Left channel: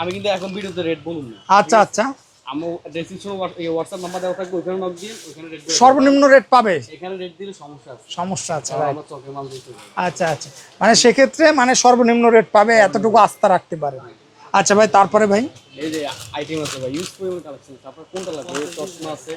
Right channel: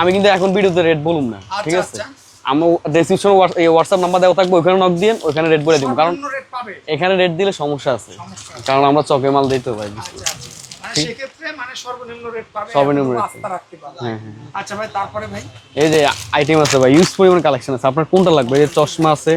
আমি কিন্তু এখন ভিডিওতে রেট বলুম না আচ্ছা আচ্ছা। ডেসক্রিপশন হোয়াটসঅ্যাপ নাম্বার দেওয়া থাকবে ওখানে নক দিন ওখানে রেট বলে সর্বনিম্ন রেট পাবে। এখানে রেট দিলে সমস্যা আছে। সমস্যা আছে। কারণ আমরা চকে মাল দিই তো ভাই। আচ্ছা আচ্ছা। মানে সেক্ষেত্রে মানে সর্বনিম্ন রেট পাবে এতটুকু আস্থা রাখতে পারে হ্যাঁ, আচ্ছা ভাই তারপরে ভাই? এই যে আইটেম আছে ভাই ইউজ পরিমাণ কালেকশন আছে। আপনার কোনটা লাগবে? এই চশমা আছে।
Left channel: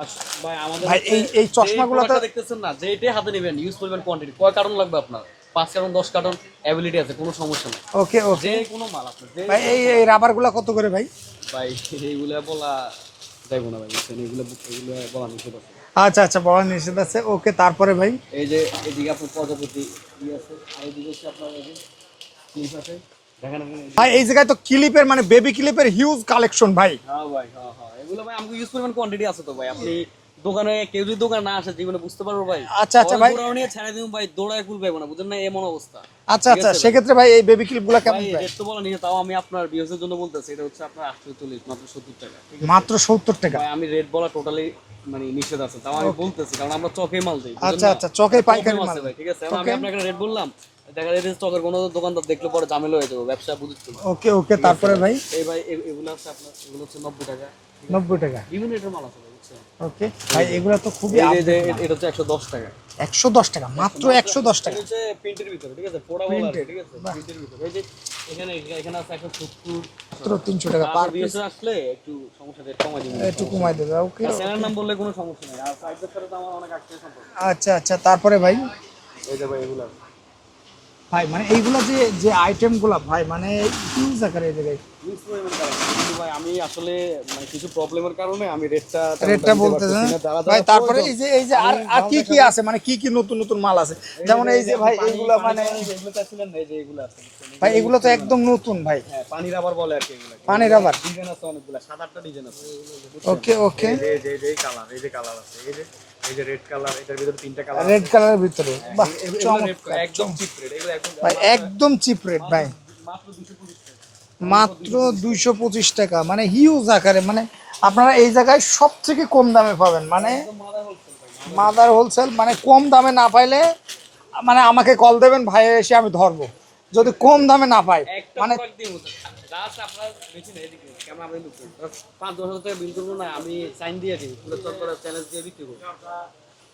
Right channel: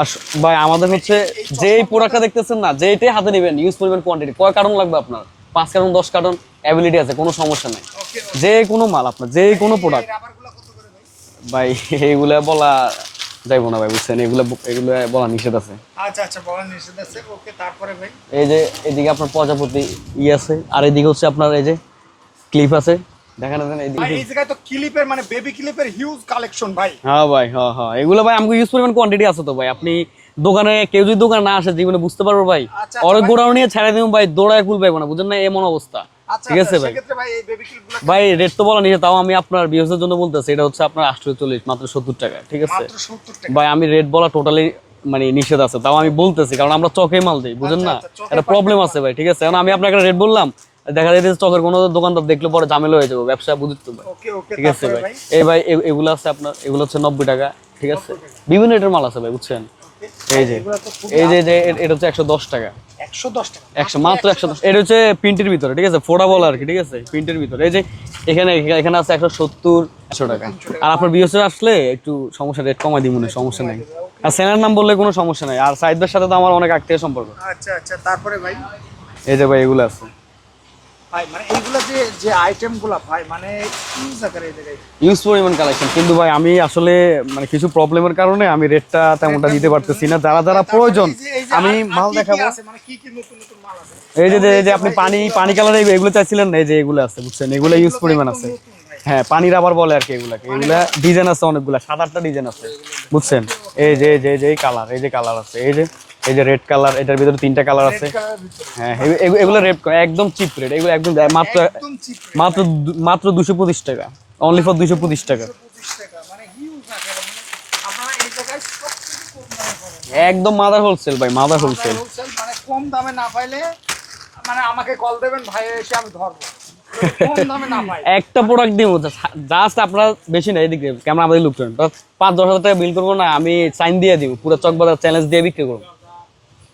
আর ভাই আমাদের হচ্ছে যে প্রোডাক্টটা দেখতেছেন না যেটাই হাতে নেবেন ইউজ পরিমাণ কোয়ান্টিটি কয় কার্টন লাগবে আপনার? পাঁচ কার্টন দশ কার্টন? অ্যাবিলিটি আছে কোনো সমস্যা নাই। ওকে যে কোনো মাল আপনার যে কোনো এই প্রোডাক্ট রাবারগুলা কত করে ভাই? ভাই এইগুলা বলা যাইবো না ভাই বুঝছেন? এগুলা এগুলো বলা নিষেধ আছে। আচ্ছা আচ্ছা বড় নিষেধ আছে। ওকে তারপরে ভাই? এই যে এদিকে আপনার প্রজাপতি ই আছে আর এদিকে হচ্ছে আপনার এই যে ক্লিপ আছে। দেখেন ভাই এই জায়গায় তো ক্লিপের মানে বেবি ক্লিপের হিউজ কালেকশন ভাই। হ্যাঁ ভাই হ্যাঁ হ্যাঁ। এগুলো ভাই আমাকে ইউজ পরিমাণ কোয়ান্টিটি আছে তো ভাই। আপনি দোকানে কেউ যদি দোকানে না আসে জীবনে বুঝতে পারব ভাই। আচ্ছা, আচ্ছা, অনেক গোড়াও নিয়ে ছেড়ে দিব ভাই দৌড়ায় কুল পাইবো না বুঝেন না? এমন অবস্থা। আচ্ছা আচ্ছা ভাই? সেক্ষেত্রে ভাই এই বেবি ক্লিপ ভাই রেট তো বলা নিয়ে তাও আমি আপনার বিহসের জন্য বলতেছি এটা হচ্ছে আপনার আটশো চল্লিশ মাত্র টাকা ঠিক আছে? মাত্র সত্তর টাকা। ভাই আমি রেট বলা টোটালি মানে নিষেধ আছে তাও আমি বলতেছি কারণ আমরা চকে মাল দিই বুঝেন আচ্ছা, না? আচ্ছা, প্রবলেম আছে ভাই ঠিক আছে? আমি আপনাকে রেট বললাম দেখা যায় যে চকের কোনো দোকানদার দেখলে পরে ঝামেলা হয়ে যাবে ব্যবসা বুঝতে হবে। ওকে ওকে তারপরে ভাই। এই ভাই এগুলো আছে আপনার এগুলো হচ্ছে নব্বই টাকা ঠিক আছে? 90 টাকা। বিভিন্ন রেটের মাল আছে ভাই বুঝছেন? ওকে এগুলো তো খুব এই যে এটা হচ্ছে একশো দশ টাকা। একশো দশ টাকা মাত্র মাত্র একশো একশো দশ এটা হচ্ছে প্রিন্টের ভিতরে ঠিক আছে? আর কি ঠিক আছে? প্রিন্টের ভিতরে। এই যে এখানে এখানে আছে একশো সত্তর একশো টাকা। 300 টাকা। আর আপনার বিএসএ আসলে একটু সমস্যা রেট কমাই না সমস্যা নেই। আর সেনার নাম বললে কোনো সমস্যা নাই। আর সাইদদের সাথে তো আমার অনেক আত্মীয় সম্পর্ক। আচ্ছা আচ্ছা তারপরে ভাই? এই যে ভাই এগুলো আছে। ভাই মানে এইগুলো যে যে আইটেমগুলা ভাই মানে হিউজ আকারে এই জায়গায়। ইউজ পরিমাণ কালেকশন কিন্তু ভাই আমি আসলে মানে কিছু প্রবলেমের কারণে আমি রেটটা তেমনটা দিতে পারতেছি না। যারা যারা প্রয়োজন এই এই আমি মাল দেখাবো। আছে? মানে কি কি নতুন নতুন মাল আছে? এই যে এই যে আপনি পানি পানি কালার এগুলো চাইছিলেন না এই যে এগুলো আছে বুঝছেন? এগুলো ইউজ এগুলো পরিমাণ একদম নতুন ভাই। হ্যাঁ পানি রাবার বলে আর কি এগুলাকে পানি ডিজাইন আছে অনেকগুলা সাত আটটা ডিজাইন আছে বুঝছেন. এই এই যে এই যে এই কালার এই যে কালার আছে এই যে। এই যে রেড কালার এটার ভিতরে তিনটা কালার রেড কালারের ভিতরে। হ্যাঁ এগু- এগু- এগুলো রেট একদম চিপ রেট এগুলো একদম মাত্র একদম চিপ রেট মাত্র মাত্র দুশো পঁচিশ টাকা অনলি ফর দুশো পঁচিশ টাকা। দুশো পঁচিশ টাকা মানে হিউজ আকারে মানে আপনারা এই জায়গায় সব থেকে কম দামে পাবেন মানে একদম মাদার হোলসেল ভাই মাদার হোলসেল হোলসেল মানে কম দামে না পাইলে মানে আমাকে কল দেবেন ভাই এসে আমি ধরবো। যদি কম দামে না পাই একটা প্রোডাক্ট দিব জাস্ট আপনার বেশি না এদিকে ক্যামেরা আমাদের লুক করেন। পাঁচ দশ হাজার টাকা বিল করব না আমি সাইন দিয়ে দিব পুরো চকবাজার চ্যালেঞ্জ দিয়ে বিক্রি করব।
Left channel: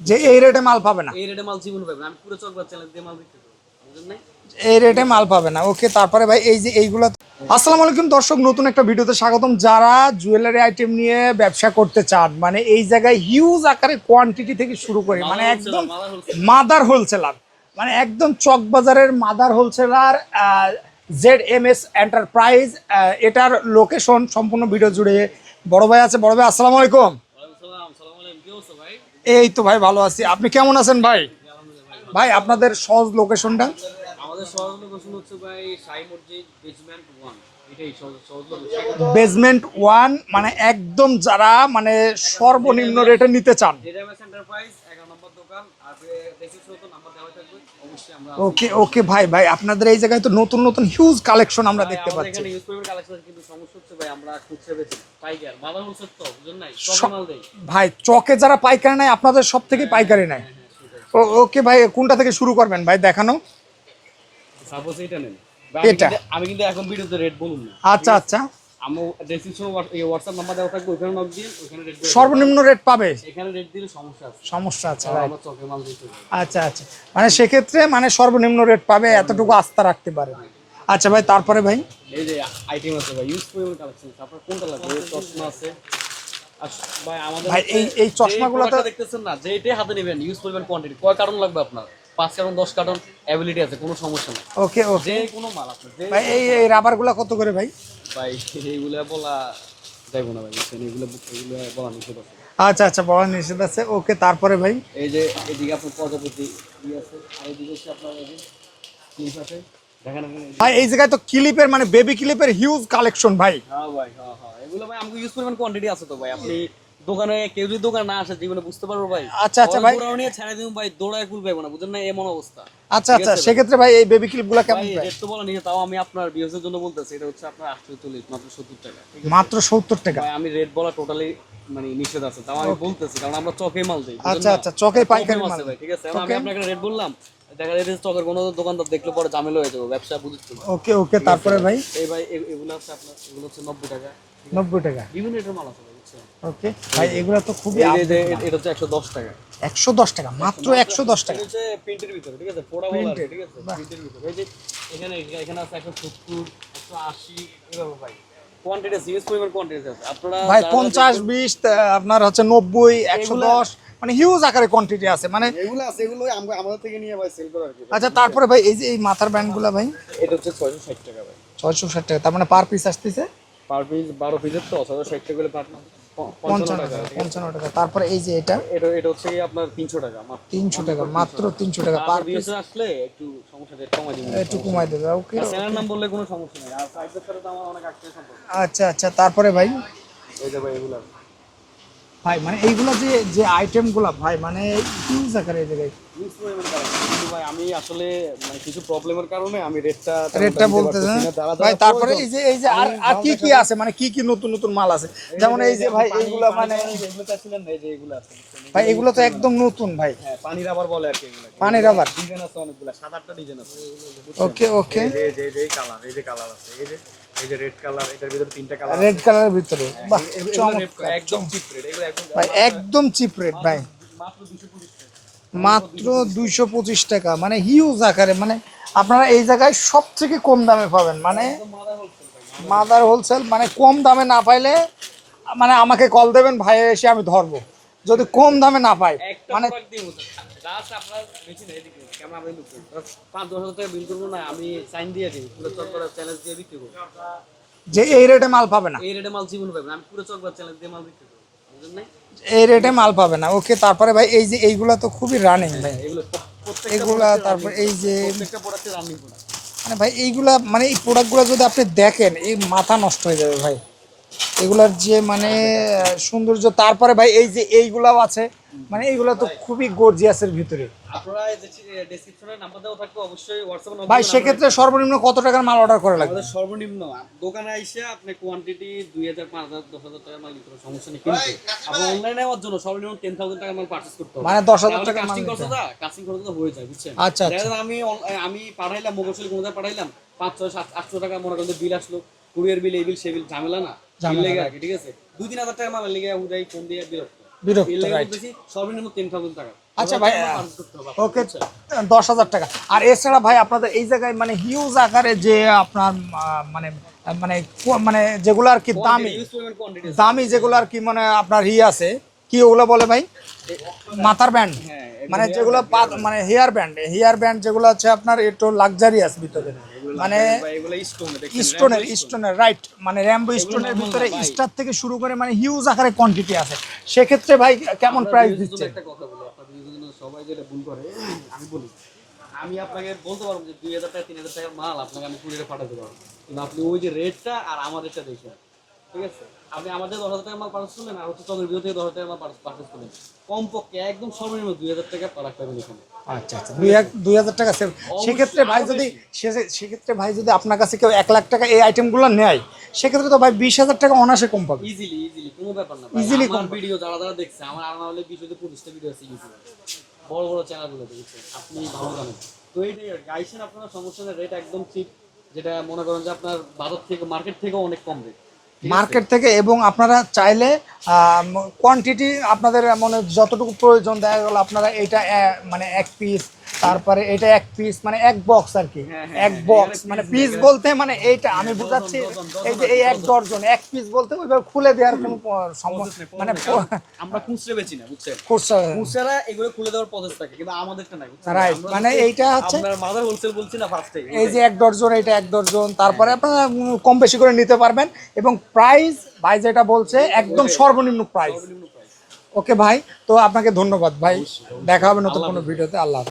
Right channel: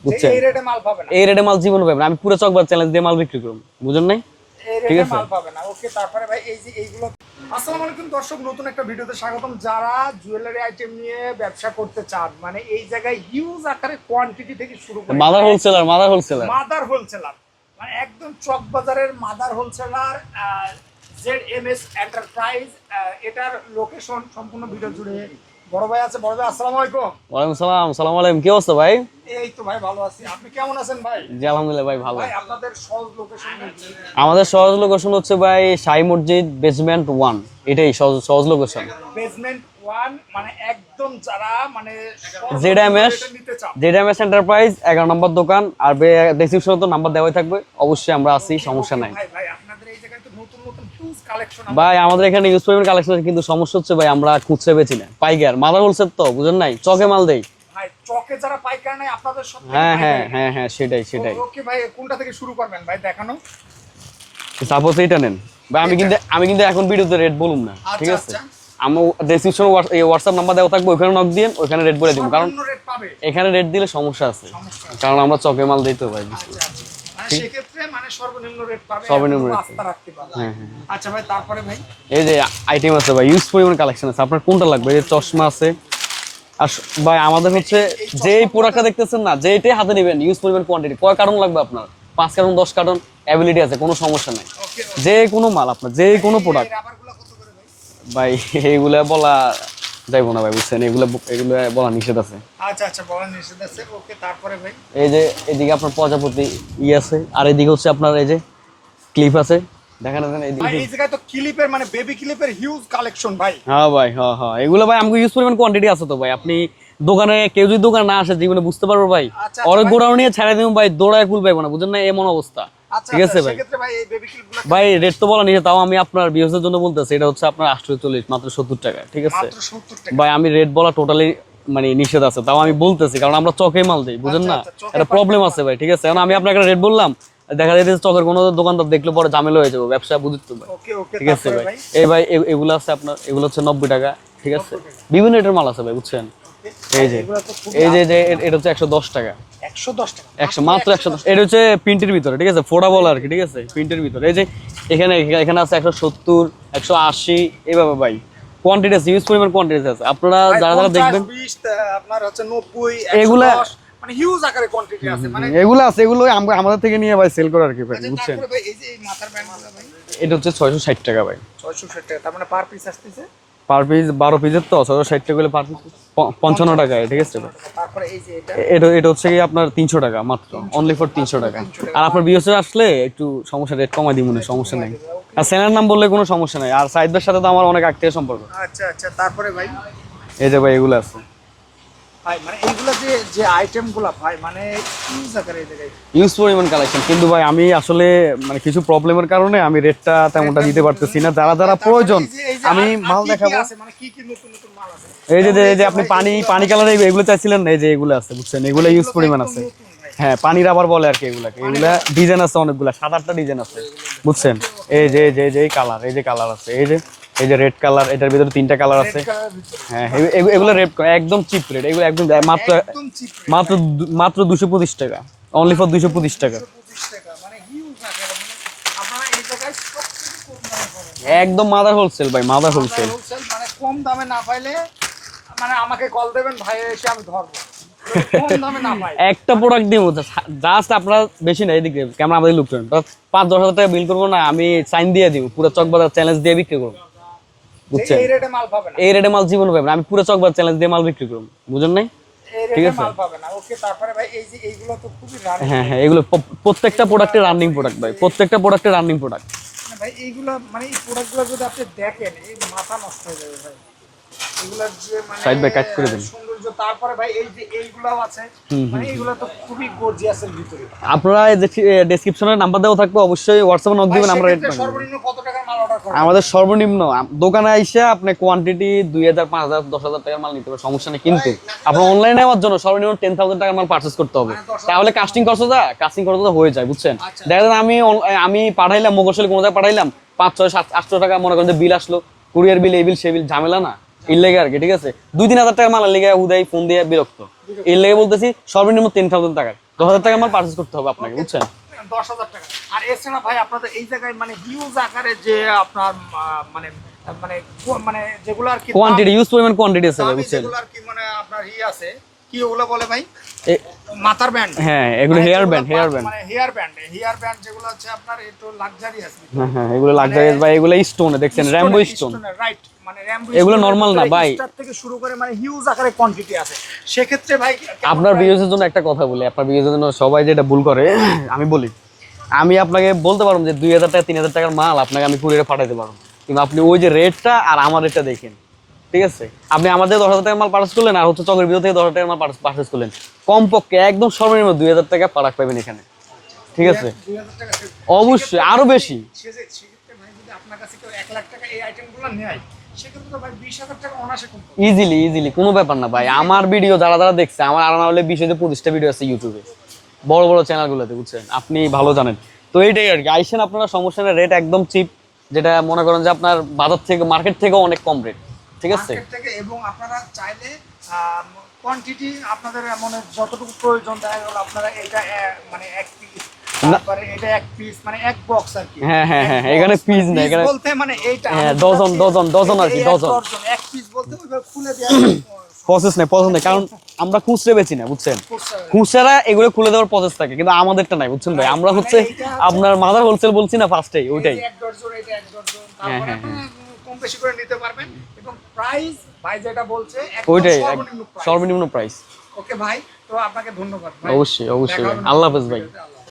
যে এই রেটে মাল পাবে না। এই রেটে মাল জীবন পাবেন আমি পুরো চকবাজার চ্যালেঞ্জ দিয়ে মাল বিক্রি করব। বুঝেন নাই? এই রেটে মাল পাবে না। ওকে তারপরে ভাই এই যে এইগুলো আসসালামু আলাইকুম দর্শক নতুন একটা ভিডিওতে স্বাগতম। যারা জুয়েলারি আইটেম নিয়ে ব্যবসা করতে চান মানে এই জায়গায় হিউজ আকারে কোয়ান্টিটি থেকে শুরু করে mother wholesaler mother wholesaler mother wholesaler মানে একদম চক বাজারের mother wholesaler Z M S enterprise এটার লোকেশন সম্পূর্ণ ভিডিও জুড়ে বড় ভাই আছে বড় ভাই আসসালামু আলাইকুম। ওয়ালাইকুম সালাম সালাম আলাইকুম কি অবস্থা ভাই? এই তো ভাই ভালো আছি। আপনি কেমন আছেন ভাই? জি আলহামদুলিল্লাহ ভাই ভালো ভাই আপনাদের সহজ লোকেশনটা আমাদের সহজ লোকেশন হচ্ছে ভাই সাই মসজিদ বেসমেন্ট ওয়ান এটাই সহজ সহজ লোকেশন বেসমেন্ট ওয়ান মানে একদম যারা মানে সর্বনিম্ন রেটে নিতে চান। জেডএমএস এন্টারপ্রাইজ এগারো নম্বর দোকান আর ডেসক্রিপশনে তো নাম্বার দেওয়াই থাকবে। অবশ্যই আমরা আছি ওকে। ভাই ভাই আপনাদের এই জায়গায় তো নতুন নতুন হিউজ কালেকশন আমরা ভাই আমাদের এখানে ইউজ পেমেন্ট কালেকশন কিন্তু সমস্যা হচ্ছে ভাই আমরা খুচরা বেচি না। পাইকার মাদার হোলসেল তো বুঝেন নাই? চকে মাল দেই। ভাই চকে যারা পাইকারি নাই আপনাদের সব থেকে হ্যাঁ, পাইকারি নাই হ্যাঁ হ্যাঁ সেটাই সেটাই। ওকে ভাই কোনটা থেকে শুরু করবেন? ভাই দেখানো। সাপোজ এইটা নেন। আমি কিন্তু আমি কিন্তু এখন ভিডিওতে রেট বলুম না আচ্ছা আচ্ছা। আমি ডেসক্রিপশন হোয়াটসঅ্যাপ নাম্বার দেওয়া থাকবে ওখানে নক দিন ওখানে রেট বলে সর্বনিম্ন রেট পাবে। এখানে রেট দিলে সমস্যা আছে। সমস্যা আছে। কারণ আমরা চকে মাল দিই তো ভাই। আচ্ছা আচ্ছা। মানে সেক্ষেত্রে মানে সর্বনিম্ন রেট পাবে এতটুকু আস্থা রাখতে পারে হ্যাঁ, আচ্ছা ভাই তারপরে ভাই? এই যে আইটেম আছে ভাই ইউজ পরিমাণ কালেকশন আছে। আপনার কোনটা লাগবে? এই চশমা আছে। আর ভাই আমাদের হচ্ছে এই- এই যে চশমাগুলো প্রোডাক্টটা দেখতেছেন না যেটাই হাতে নেবেন ইউজ পরিমাণ কোয়ান্টিটি কয় কারণ লাগবে আপনার? পাঁচ কার্টন দশ কার্টন অ্যাবিলিটি আছে কোনো সমস্যা নাই। ওকে যে কোনো মাল আপনার যে কোনো প্রোডাক্ট কত করে ভাই? ভাই এইগুলা বলা যাইবো না ভাই বুঝছেন? এগুলো এগুলো বলা নিষেধ আছে। আচ্ছা আচ্ছা বড় নিষেধ আছে। ওকে তারপরে ভাই? এই যে এদিকে আপনার প্রজাপতি ই আছে আর এদিকে হচ্ছে আপনার এই যে ক্লিপ আছে। দেখেন ভাই এই জায়গায় তো ক্লিপের মানে বেবি ক্লিপের হিউজ কালেকশন ভাই। হ্যাঁ ভাই হ্যাঁ হ্যাঁ। এগুলো ভাই আমাকে ইউজ পরিমাণ কোয়ান্টিটি আছে তো ভাই? আপনি দোকানে কেউ যদি দোকানে না আসে জীবনে বুঝতে পারব ভাই আচ্ছা, আচ্ছা, অনেক গোড়াও নিয়ে ছেড়ে দিব ভাই দৌড়ায় পাইবো না বুঝেন না? এমন অবস্থা। আচ্ছা ভাই? সেক্ষেত্রে ভাই এই বেবি ক্লিপ ভাই রেট তো বলা নিয়ে তাও আমি আপনার বিহসের জন্য বলতেছি এটা হচ্ছে আপনার আটশো চল্লিশ মাত্র সত্তর টাকা ঠিক আছে? মাত্র সত্তর টাকা। ভাই আমি রেট বলা টোটালি মানে নিষেধ আছে তাও আমি বলতেছি কারণ আমরা চকে মাল দিই বুঝেন না? প্রবলেম আছে ভাই ঠিক আছে? এখন আমি আপনাকে রেট বললাম দেখা যায় চকের কোনো দোকানদার দেখলে পরে ঝামেলা হয়ে যাবে ব্যবসা বুঝতে তো ওকে ওকে তারপরে ভাই। ভাই। এই ভাই এগুলো আছে আপনার এগুলো হচ্ছে নব্বই টাকা ঠিক আছে? 90 টাকা। বিভিন্ন মাল আছে ভাই বুঝছেন? ওকে। এই যে। এগুলো তো খুব এই যে এটা হচ্ছে একশো দশ টাকা। 110 টাকা মাত্র 110 এটা হচ্ছে প্রিন্টের ভিতরে ঠিক আছে? ফোটা বল আর কি ঠিক আছে? প্রিন্টের ভিতরে। এই যে এখানে এখানে আছে একশো সত্তর একশো আশি এইভাবে ভাই। কোয়ান্টিটি আছে ইউজ পরিমাণ কোয়ান্টিটি আছে। আপনারা যারা যারা 50 দেখবেন 20 আপনার হচ্ছে 90 এগুলা- মানে হিউজ আকারে কোয়ান্টিটি আছে। মানে এগুলো আছে এগুলো আমাদের থেকে নিয়ে ভাই সেল করে আর কি আচ্ছা তারপরে ভাই এই যে এই মাথার ব্যান্ডগুলো ভাই? এটা হচ্ছে ছয়শো ষাট টাকা ভাই। 660 টাকা তার মানে পার পিস আসতেছে? পার পিস বারো পিসের তো ছয়শো ষাট টাকা করে পার পিস পঞ্চান্ন টাকা ঠিক আছে? 55 টাকা। তারপরে এই যে এটা? এটা এটা হচ্ছে আপনার তিনশো টাকা মাত্র। 300 অনলি ফর তিনশো টাকা। 300 টাকা। আর আপনার বিএসএ আসলে একটু সমস্যা রেট কমাই দিব না সমস্যা নাই। আর সেনার নাম বললে কোনো সমস্যা নেই। আর সাইদদের সাথে তো আমার অনেক আত্মীয় সম্পর্ক। আচ্ছা আচ্ছা তারপরে ভাই? এই যে ভাই এগুলো আছে। ভাই মানে এইগুলো যে যে আইটেমগুলো ভাই মানে আকারে এই ইউজ পরিমাণ কালেকশন কিন্তু ভাই আমি আসলে মানে কিছু প্রবলেমের কারণে আমি রেটটা তেমনটা দিতে পারতেছি না। যারা যারা প্রয়োজন আমি মাল দেখাবো। আছে? মানে কি কি নতুন নতুন মাল আছে? এই যে এই যে আপনি পানি পানি কালার এগুলো চাইছিলেন না এই যে এগুলো আছে বুঝছেন? এগুলো ইউজ পরিমাণ একদম আছে। নতুন ভাই। হ্যাঁ পানি রাবার বলে আর কি এগুলাকে। ডিজাইন আছে অনেকগুলা সাত আটটা ডিজাইন আছে বুঝছেন? এই যে এই যে এই কালার এই যে কালার আছে এই যে। এই যে রেড কালার এটার ভিতরে তিনটা কালার রেড কালারের ভিতরে। হ্যাঁ এগু- এগু- এগুলো রেড একদম চিপ রেট এগুলো একদম মাত্র একদম চিপ রেট মাত্র মাত্র দুশো পঁচিশ টাকা অনলি ফর দুশো পঁচিশ টাকা। 225 টাকা মানে হিউজ আকারে মানে আপনারা এই জায়গায় সবথেকে কম দামে পাবেন মানে একদম মাদার হোলসেল ভাই মাদার মাদার হোলসেল হোলসেল মানে কম দামে না পাইলে মানে আমাকে কল দেবেন ভাই এসে আমি ধরবো। যদি কম দামে না পাই একটা প্রোডাক্ট দিব জাস্ট আপনারা বেশি না এদিকে ক্যামেরা আমাদের লুক করেন। পাঁচ দশ হাজার টাকা বিল করব না আমি সাইন দিয়ে দিব পুরো চকবাজার চ্যালেঞ্জ দিয়ে বিক্রি করব। যে এই রেটে মাল পাবে না। এই রেটে মাল জীবন পাবেন আমি পুরো চকবার চ্যালেঞ্জ দিয়ে মাল বিক্রি করব। বুঝেন নাই? এই রেটে মাল পাবে না। ওকে তারপরে ভাই এই যে এইগুলা তো খুবই রানে হ্যাঁ হ্যাঁ এগুলো প্রত্যেকটা রানিং প্রোডাক্ট ভাই। প্রত্যেকটা রানিং প্রোডাক্ট মানে ভাই এইগুলা মানে এই প্রোডাক্টগুলো যদি আপনি দেখেন এই মাথা নষ্ট হয়ে যাবে ভাই। এগুলার যে মানে। সৌন্দর্য তারপরে ভাই এই যে এইগুলাও আছে মানে এইগুলা তো খুবই গর্জিয়াসের ভিতরে। আপনারা ডেসক্রিপশনে নাম্বার দেওয়া থাকবে অবশ্যই হোয়াটসঅ্যাপে নক দিবেন আমরা সর্বনিম্ন কত টাকার মাল অর্ডার করা আমাদের সর্বনিম্ন দোকানে আইসা আপনি কোয়ান্টিটি দুই হাজার পাঁচ হাজার দশ হাজার টাকার মাল নিতে পারবেন সমস্যা নেই। কিন্তু আপনার অনলাইনে নেওয়ার জন্য সর্বনিম্ন টেন থাউজেন্ড টাকার মাল পার্চেস করতে হবে। মানে 10,000 তাহলে কাস্টিং খরচটা কাস্টিং খরচটা হয়ে যায় বুঝছেন? আচ্ছা, দেখা যায় আমি আমি পাঠাইলাম মোগলশালী কোনো জায়গায় পাঠাইলাম পাঁচ ছয় সাত আটশো টাকা মনে করেন যে বিল আসলো কুরিয়ার বিল এই বিল সেই বিল ঝামেলা না। এর লেগে আর কি ঠিক আছে? দুই তিন হাজার টাকার মাল লেগে উদয় ফোন দিয়ে বিরক্ত। বিরক্ত, এর লেগে বলতেছি সর্বনিম্ন টেন থাউজেন্ড টাকার দশ হাজার টাকা মাল পার্চেস করতে হবে আপনাকে বুঝছেন? দশ হাজার টাকা। আর এছাড়া ভাই আপনাদের এই জায়গায় মানে হিউজ আকারে যে আপনার মানে মানে মানে যেগুলো আর কি কোয়ান্টিটি ইউজ পরিমাণ কোয়ান্টিটি আছে দামি যেগুলো আর কি মানে আপনার ই আছে কি ওগুলো বলে ভাই? মাথার ব্যান্ড। হ্যাঁ এগুলো হেয়ার ব্যান্ড হেয়ার ব্যান্ড। মানে হেয়ার ব্যান্ড হেয়ার ব্যান্ড যেগুলো আছে আপনার একটু লাক্সারিয়াস ভিতরে। হ্যাঁ এগুলো লাক্সারিয়াস বা এগুলো স্টোনে দেখছেন র্যাম্বো স্টোন রাইট মানে র্যাম্বো এগুলো normal না, ভাই। স্টার থেকে শুরু করে মানে হিউজ আকারে কোয়ান্টিটি আছে। সেক্ষেত্রে ভাই কেমন আপনার? ভিউজের জন্য একটা কথা বলি আপনার ভিউজের জন্য সবাই যেটা ভুল করে আমি বলি আমি আপনাকে বলতে পারব যে দুই হাজার টাকা তিন হাজার টাকার মাল আপনাকে আমি কুরিয়ারে পাঠাতে পারব। কিন্তু আপনি ওই যে রেটটা আর আমার রেটটা দেখেন। ঠিক আছে? আপনি আমাদের দশ হাজার টাকার মাল পার্চেস করলেন আর হচ্ছে চকের ভিতর থেকে দশ হাজার টাকার মাল পার্চেস করলেন। কমপক্ষে একদম সর্বনিম্ন দুই হাজার টাকা পারাক পাবেন এখানে। আচ্ছা আচ্ছা। ঠিক আছে। দুই হাজার টাকা অবশ্যই, আরও বেশি। সেক্ষেত্রে ভাই যদি আপনার কাছে কেউ এক লাখ টাকা এই আইটেমগুলো নেয় সেক্ষেত্রে তো ভাই বিশ হাজার টাকা অনাসে কম পাবে। ইজিলি ইজিলি কোনো ব্যাপার না ভাই। আমার ভিডিও যারা যারা দেখছে আমার আর না হলে বিশ হতে পঁচিশটা ভিডিও আছে ইউটিউবে বড় বড় চ্যানেলগুলোতে বুঝছেন? আপনি ভালো জানেন। তো এইটাই আর কি। আইসেন আপনারা সমস্যা রেট একদম চিপ যেটা মনে করেন যে আপনার বাজার থেকে মার্কেট থেকেও অনেক কম রেট মার্কেট থেকে এবং আপনারা চাইলে কোয়ান্টিটি আপনাদের মানে যতটুকু প্রয়োজন, দেখা গেল আপনারা এটা মানে এক পিস তারপরে এটা এক পিস মানে এক বক্স আর কি। হ্যাঁ, হ্যাঁ, হ্যাঁ, এখানে মানে piece না, এখানে- বলতে মানে এইটা আমি ডজন, বুঝাচ্ছি, ডজন, ডজন আর কি, এক ডজন। ডজন এক পিস বলতে ওইভাবে খুলে দেওয়ার প্রসেস নেই প্রসেস নেই কারণ আমরা খুচরে বেচি না বুঝছেন? খুচরা এগুলো খুলে দেওয়ার প্রসেস থাকে কিন্তু আমাদেরটা নাই বুঝছেন? ভাই আমরা মানে হচ্ছে আপনার মাদার হোলসেল বলছি না ফার্স্টেই ওইটাই যে এক ডজন এটা এক ডজন তারপরে আপনারা কম বেশি করে নিতে পারবেন এবং প্রাইস ভাই যেটা বলছে একদম সর্বনিম্ন প্রাইস সর্বনিম্ন প্রাইস ওকে ভাই তো আপনাকে ধন্যবাদ ভাই। অবশ্যই, অবশ্যই। আল্লাহ হাফেজ ভাই। আল্লাহ।